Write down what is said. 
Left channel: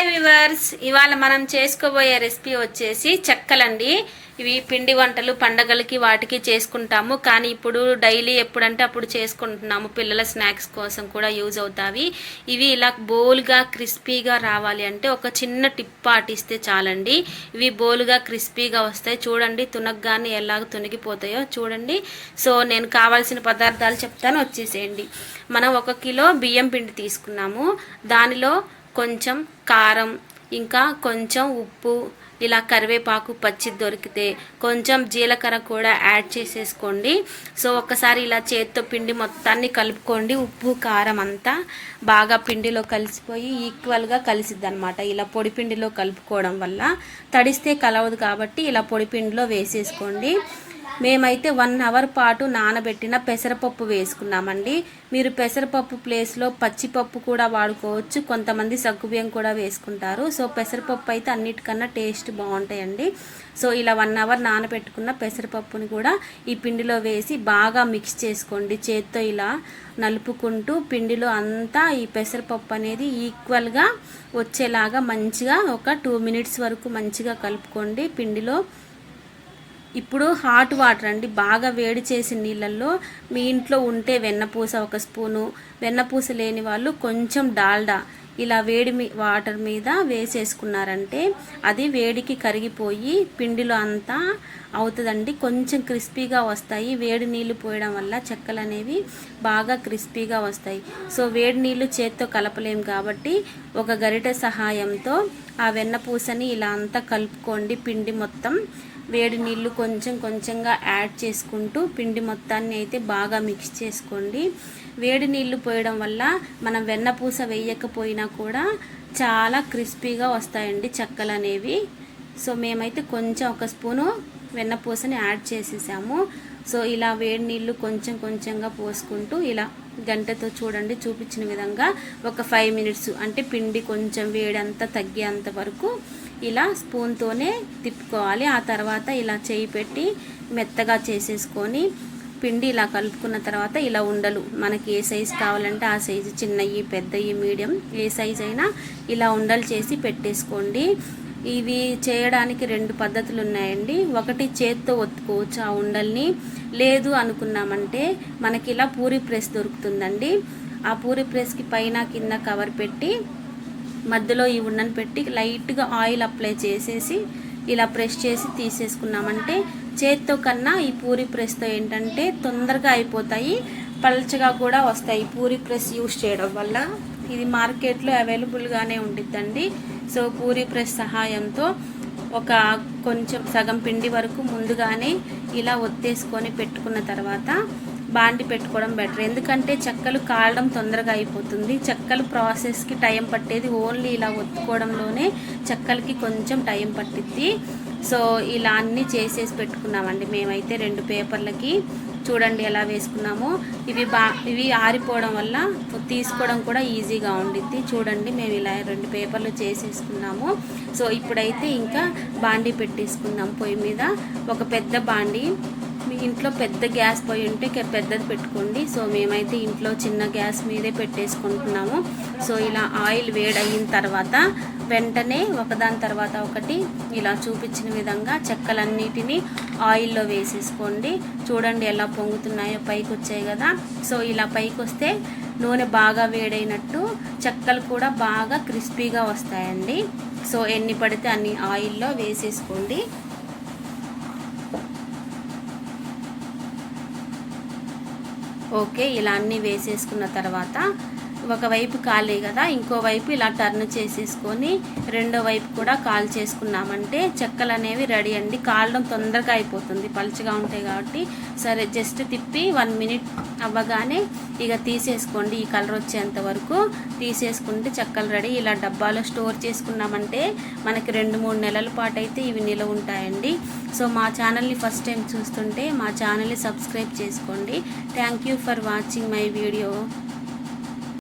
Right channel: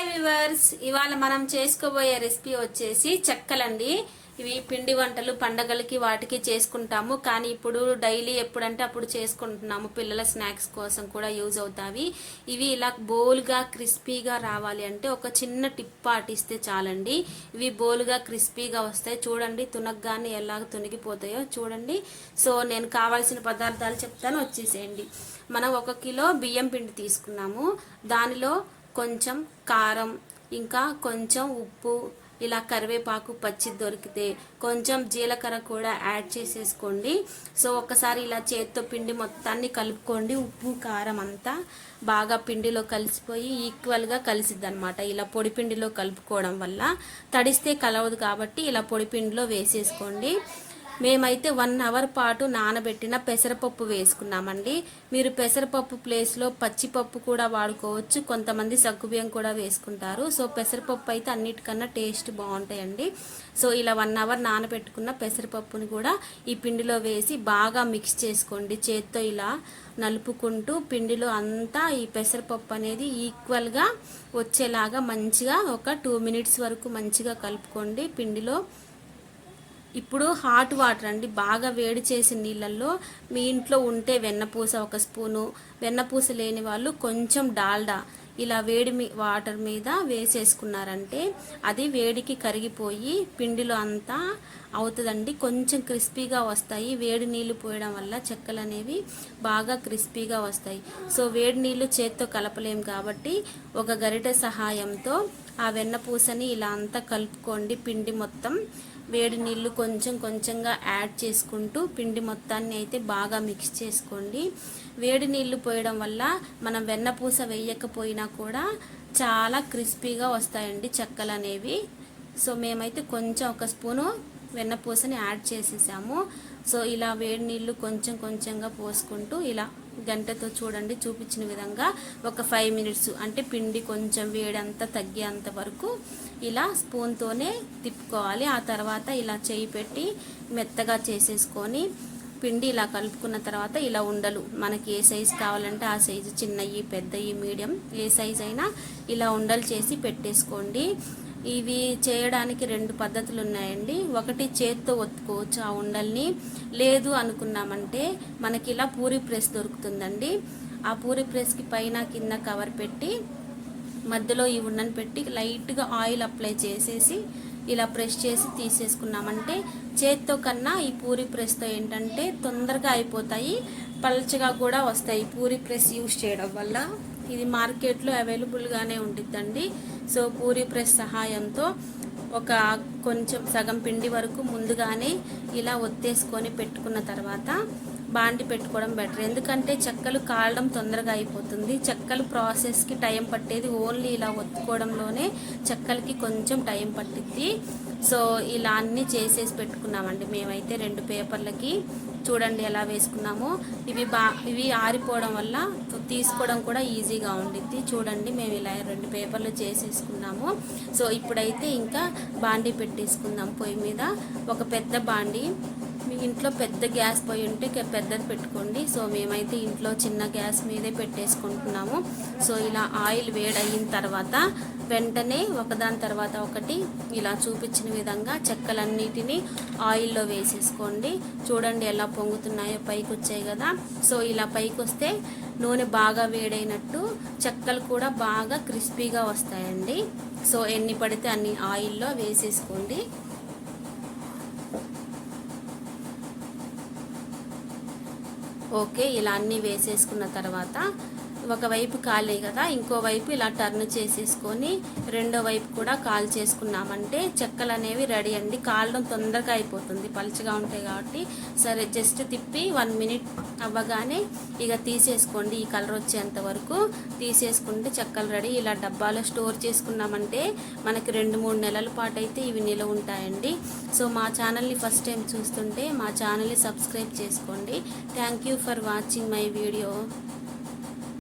Hi viewers ఇవాళ మనం చేసుకోబోయే రెసిపీ వచ్చేసి చెక్కలండి. ఇవి పిండి వంటలు పండగలకి వాటికి చేసుకుంటాము. కానీ ఇప్పుడు డైలీ ఎప్పుడంటే అప్పుడు చేసుకుంటున్నాము. పిల్లల స్నాక్స్ కోసం కూడా యూజ్ అవుతాయి ఇవి ఇలా బోల్గా క్రిస్పీగా రావాలి అంటే ఒక చిన్న టిప్ పాటిస్తే చాలండి. ఇవి బోల్గా క్రిస్పీగా వస్తాయి. చూడండి తునగ్గానే ఎలాగ తునిగిపోతాయో చూడండి. సో నేను కావాల్సిన పదార్థాలు చెప్తాను. వచ్చేసేయండి. మనం ఒక కిలో బియ్యం పిండి తీసుకున్నాము. దానిలో కొంచెం కారం ఇంకా కొంచెం ఉప్పు ఇలా కరివేపాకు పచ్చి దొరికితే కొంచెం జీలకర్ర కూడా యాడ్ చేసేసుకోండి. సో ఒకసారి ఇలా చేత్తో పిండి మొత్తాన్ని కలుపుకోండి. ఉప్పు కారం అంతా బాగా పిండిలో కలిసిపోయి ఈక్వల్గా కలిసిద్ది అనమాట ఇలా పొడి పిండిలో కలుపుకోవడం వల్ల తడిస్తే కలవదు కాబట్టి ఇలా పొడి పిండిలో వేసేసుకోండి. మేమైతే వన్ అవర్ పాటు నానబెట్టిన పెసరపప్పు వేసుకున్నామండి. మీరు పెసరపప్పు ప్లేస్లో పచ్చిపప్పు కూడా వాడుకోవచ్చు. కొంతమంది సగ్గుబియ్యం కూడా వేసుకుంటారు. సో పెసరపప్పు అయితే అన్నిటికన్నా టేస్ట్ బాగుంటాయండి. సో ఇలా వన్ అవర్ నానబెట్టుకున్న పెసరపప్పుని కూడా ఈ పిండిలో వేసి బాగా మిక్స్ చేసుకోండి. చేత్తో ఇలా నలుపుకుంటూ పిండిలో అంతా ఈ పెసరపప్పు అనేది ఈక్వల్గా వచ్చేలాగా మంచిగా ఒక టూ మినిట్స్ వరకు మంచిగా కలుపుకోండి పిండిలో. ఇప్పుడు హాట్ వాటర్ అండి బాగా వేడి చేసిన నీళ్ళల్లో మీ ఇంట్లో ఉంటే వెన్నపూస ఒక స్పూను వెన్నపూస లేని వాళ్ళు కొంచెం డాల్డా ఇలా వేడి వాటర్ మీద వేసేసుకున్నారంటే అది వేడికి కరిగిపోయి పిండిలో అంతా అవుతుందండి. కొంచెం క్రిస్పీగా వస్తాయి. వేడి నీళ్ళు పోయడం వల్ల చెక్కలు అనేవి బాగా క్రిస్పీగా వస్తాయి. సో వేడి నీళ్ళు చేత్తో కలపలేం కాబట్టి ఒక గరిటె సహాయంతో ఆ వెన్నపూసని ఇలా అంతా కలుపుకోండి. పిండి మొత్తం వేడి నీళ్ళు కొంచెం కొంచెంగా యాడ్ చేసుకుంటూ పిండి మొత్తాన్ని అయితే బాగా మిక్స్ చేసుకోండి. వేడి నీళ్ళు పోయడం వల్ల మనం వెన్నపూస వేయకపోయినా కూడా చాలా క్రిస్పీగా వస్తాయండి చెక్కలు అనేవి సో మేమైతే కొంచెం ఒక స్పూను వెన్నపూసని యాడ్ చేసేసాము. సో ఇలా వేడి నీళ్ళు కొంచెం కొంచెంగా పోసుకుంటూ ఇలా గంటతో చూడండి చూపించిన విధంగా ఒక ఫైవ్ మినిట్స్ అంటే పిండి కొంచెం వేడంతా తగ్గేంత వరకు ఇలా స్పూన్తోనే తిప్పుకోవాలి. ఆ తర్వాత ఇలా చేయి పెట్టి మెత్తగా చేసేసుకొని పిండి ఇలా కలుపుకున్న తర్వాత ఇలా ఉండలు. మనకి ఏ సైజు కావాలంటే ఆ సైజు చిన్నవి పెద్దవి మీడియం ఏ సైజు అయినా ఇలా ఉండలు చేసి పెట్టేసుకోండి. ఇవి చేయడానికి రెండు పద్ధతులు ఉన్నాయండి ఒకటి చేత్తో ఒత్తుకోవచ్చు ఆ ఉండల్ని. లేదు అనుకున్నామంటే మనకి ఇలా పూరి ప్రెస్ దొరుకుతుందండి. ఆ పూరి ప్రెస్కి పైన కింద కవర్ పెట్టి మధ్యలో ఈ ఉండను పెట్టి లైట్గా ఆయిల్ అప్లై చేసేసి ఇలా ప్రెస్ చేసి తీసేసుకున్నామంటే చేత్తో కన్నా ఈ పూరి ప్రెస్తో ఏంటంటే తొందరగా అయిపోతాయి. పల్చగా కూడా వస్తాయి. పూరి ప్రెస్ యూస్ చేయడం వల్ల ఇది మార్కెట్లో అవైలబుల్గానే ఉండిద్దండి. సో పూరి ప్రెస్ సహాయంతో ఒక కొంచెం సగం పిండి వరకు ముందుగానే ఇలా ఒత్తేసుకొని పెట్టుకున్న తర్వాత బాండి పెట్టుకోవడం బెటర్. ఎందుకంటే చెక్కలు కాలడం తొందరగా అయిపోతుంది. చెక్కలు ప్రాసెస్కి టైం పట్టేది ఓన్లీ ఇలా ఒత్తుకోవడంలోనే చెక్కలకి కొంచెం టైం పట్టిద్ది. సో ఇలా అన్నీ చేసేసి పెట్టుకున్నామండి మేమైతే రెండు పేపర్లకి. చూడండి ఎలా వేసుకున్నామో. ఇవి బా ఇవి ఆరిపోవడం వల్ల తీసుకోవడం కూడా ఈజీగా ఉండిద్ది. చూడండి మేము ఇలా రెండు పేపర్లు చేసేసుకున్నాము. సో ఇప్పుడైతే ఇంకా బాండీ పెట్టేసుకుందాం పొయ్యి మీద. ఒక పెద్ద బాండీ. ఇంట్లో పెద్ద గ్యాస్ పొయ్యి ఉంటే పెద్దది పెట్టుకోండి. సో మేమైతే ఇంట్లో చిన్న గ్యాస్ మీదే పెట్టేసుకుంటున్నాము. సో ఇలా ఆయిల్ వేడయిన తర్వాత వెంటనే ఒకదాని తర్వాత ఒకటి ఇలా చూపించిన విధంగా చెక్కలన్నిటినీ ఆయిల్లో వేసేసుకోండి. చూడండి ఎలా పొంగుతున్నాయో పైకి వచ్చాయి కదా. సో ఇలా పైకి వస్తే నూనె బాగా వేడైనట్టు చెక్కలు కూడా బాగా క్రిస్పీగా వస్తాయండి. సో ఎన్ని పడితే అన్ని ఆయిల్లో వేసేసుకోండి. ఓకే ఇలా అన్నీ వేసేసుకున్న తర్వాత ఒకవైపు కాలే కదా ఇంకో వైపు ఇలా టర్న్ చేసేసుకొని రెండో వైపు కూడా కాల్ చేసుకున్నామంటే చెక్కలు అనేవి రెడీ అండి. కాలడం తొందరగా అయిపోతుంది. పలుచగా ఉంటాయి కాబట్టి సరే జస్ట్ తిప్పి వన్ మినిట్ అవ్వగానే ఇక తీసేసుకోండి. ఈ కలర్ వచ్చేంత వరకు తీసేసుకుంటే చెక్కలు రెడీ. ఇలా డబ్బాలో స్టోర్ చేసుకున్నామంటే మనకి రెండు మూడు నెలల పాటు అయితే ఇవి నిలవ ఉంటాయండి. సో మా ఛానల్ని ఫస్ట్ టైం చూస్తుంటే మా ఛానల్ని సబ్స్క్రైబ్ చేసుకోండి. Thank you for watching my video.